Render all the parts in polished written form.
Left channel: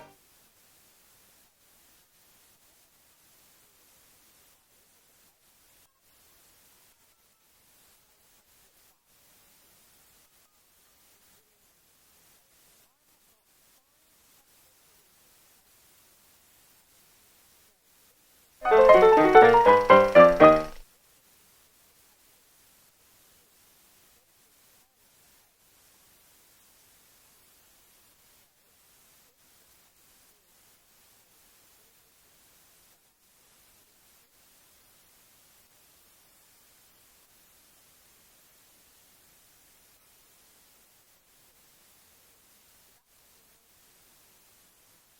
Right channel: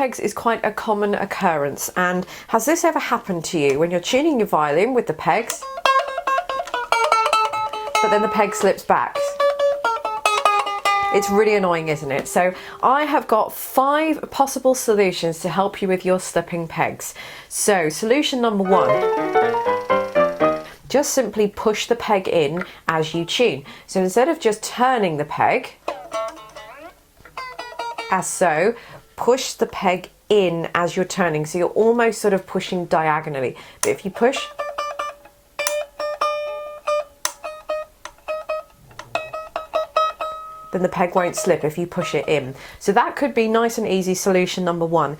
pegs is quite a common occurrence, and has this ever happened to you when you're tuning your violin with the pegs, but then the peg slips back? It's really annoying, isn't it? So I have got 5 possible solutions to help you with your slipping pegs. So solution number 1, just simply push the peg in as you tune. So instead of just turning the peg, as so, push the peg in as you're turning. So you're almost sort of pushing diagonally. But if you push, then the peg won't slip if you push it in. So that could be nice and easy solution number 1.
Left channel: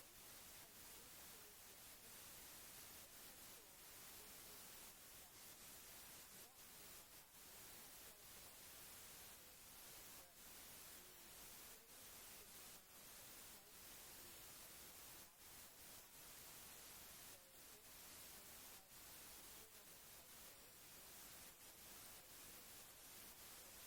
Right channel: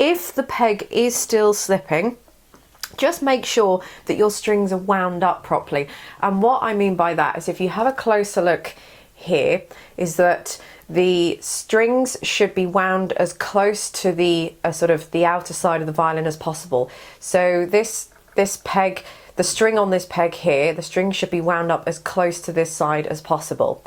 If the peg is still slipping, just make sure that your strings are wound up properly. And what I mean by that is, if you have a closer look here, is that the strings should be wound as close to the sort of the outer side of the violin as possible. So this peg, the string on this peg here, the string should be wound up as close to this side as possible.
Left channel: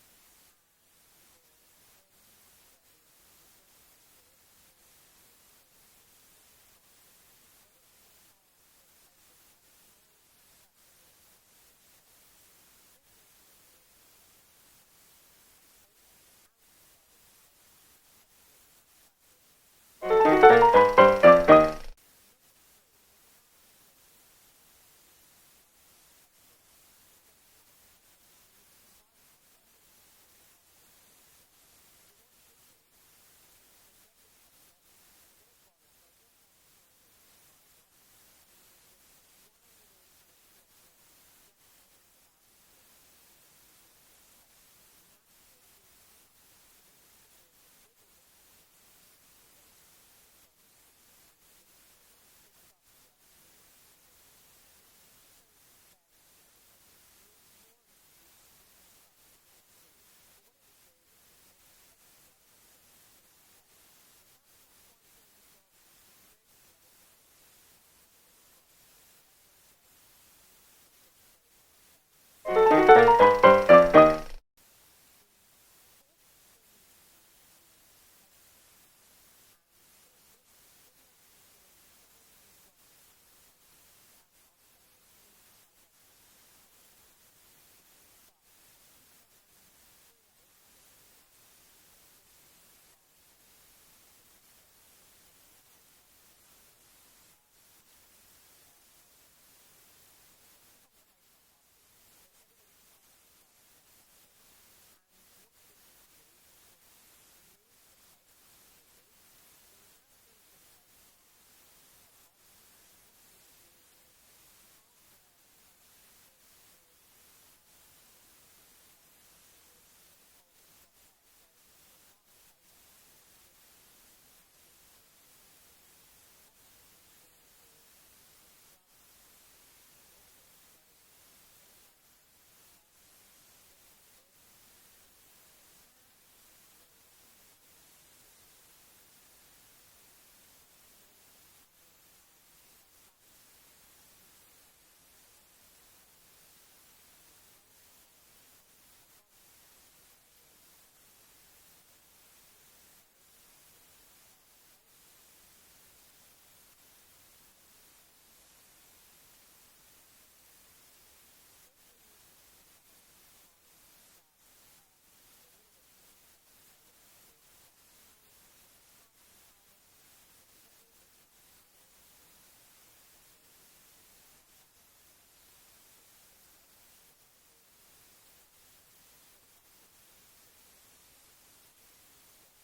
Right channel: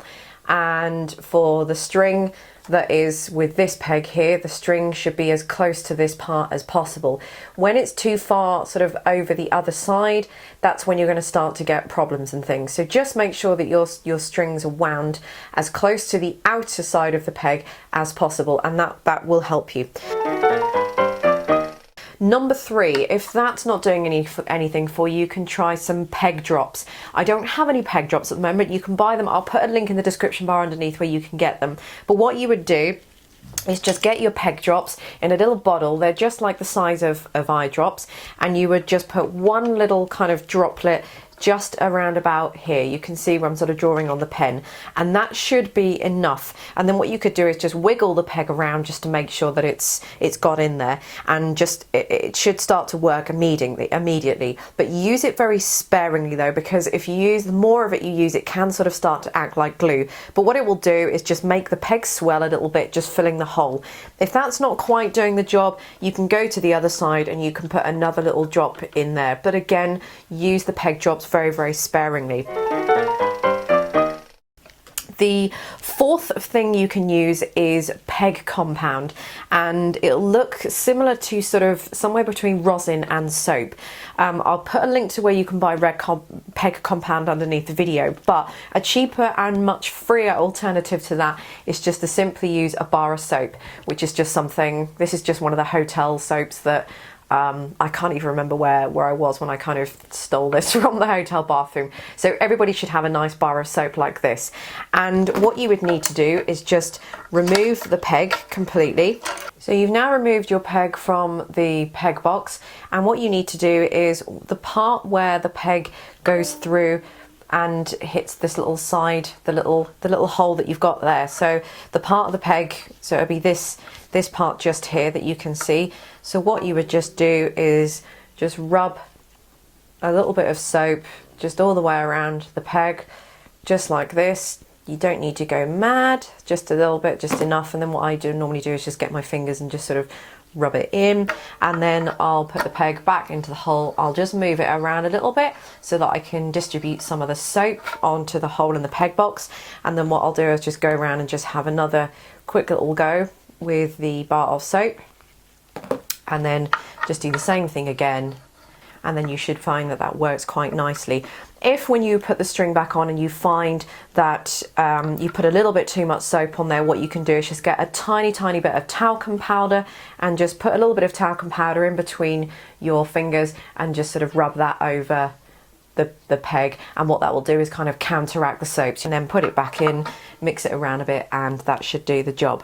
And for the string that is with this peg here, the string should be as close to this part as possible. When it's too far sort of over the other side, that's when you're going to start to get problems and things. So just make sure that your strings are wound as close to the outer side of the peg as possible, and that will help you. Number 3, if that's not doing anything for you, you can try some peg drops. I don't have any peg drops at the moment. You can buy them. I'll put a link in the description bar underneath where you can get them. But what you would do is just get your peg drops in a little bottle. They're just like the size of eye drops, and you would just put one little kind of droplet just around about here. You can see where I'm sort of drawing on the pen, and that should be enough. And then what you could do is just wiggle the peg around just to make sure that it's got in there, and just it should start to work immediately. But use it very sparingly though, because if you use, the more of it you use, it can sort of start to act like glue. But what it will do is just make the peg swell a little bit, just filling the hole. If that's not quite doing the job, you can go to the other side and you can put another little drop in there. But again, use the peg drops very, very sparingly. The 4th thing you can use is peg compound, and it'll look similar to sort of somewhere between rosin and soap. I'll put a link to where you can buy peg compound underneath the video, but a cheaper and much freer alternative to that is just to simply use a bar of soap, which is just something, this is just one of the hotel soaps that I can't even remember where I was when I kind of stole this from the hotel bathroom. So everybody should have a nice bar of soap like this. And what you would need to do is just remove the peg completely. So you've now removed your peg from the peg box, and what you need to do is the part where the peg goes through and hits this little side, the little hole that you've got there. So the part of the peg, so it'll be this part just here that you can see. So what you would just do is just rub a little bit of soap just all the way around the peg, just like this. You don't need to go mad, just a little bit, just enough. And then what I normally do is just get my fingers and just sort of rub it in, and then I'll put the peg back into the hole. I'll just move it around a little bit so that I can distribute some of the soap onto the hole in the peg box. And then what I'll do is just go around and just have another quick little go with the bar of soap, and then just do the same thing again, and then you should find that that works quite nicely. If when you put the string back on and you find that you put a little bit too much soap on there, what you can do is just get a tiny bit of talcum powder and just put a little bit of talcum powder in between your fingers and just sort of rub that over the peg, and what that will do is kind of counteract the soaps, and then put it back in, mix it around a bit, and that should do the job.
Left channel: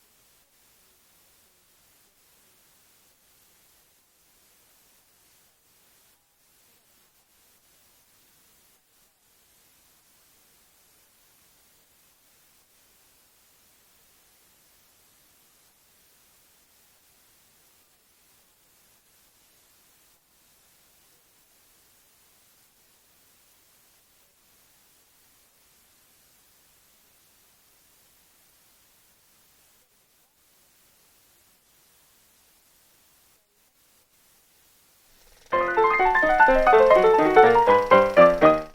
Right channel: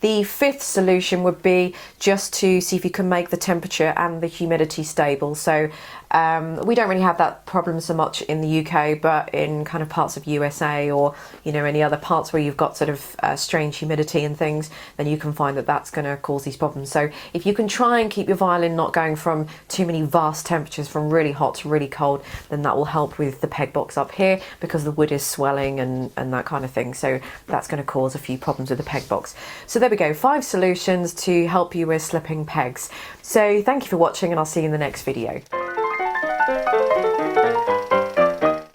The 5th solution would be just to see if you can make the temperature and the humidity stable. So we don't really have that problem so much in the UK, but in kind of parts of USA or, you know, any other parts where you've got sort of strange humidity and things, then you can find that that's going to cause these problems. So if you can try and keep your violin not going from too many vast temperatures, from really hot to really cold, then that will help with the peg box up here, because the wood is swelling and that kind of thing. So that's going to cause a few problems with the peg box. So there we go, 5 solutions to help you with slipping pegs. So thank you for watching, and I'll see you in the next video.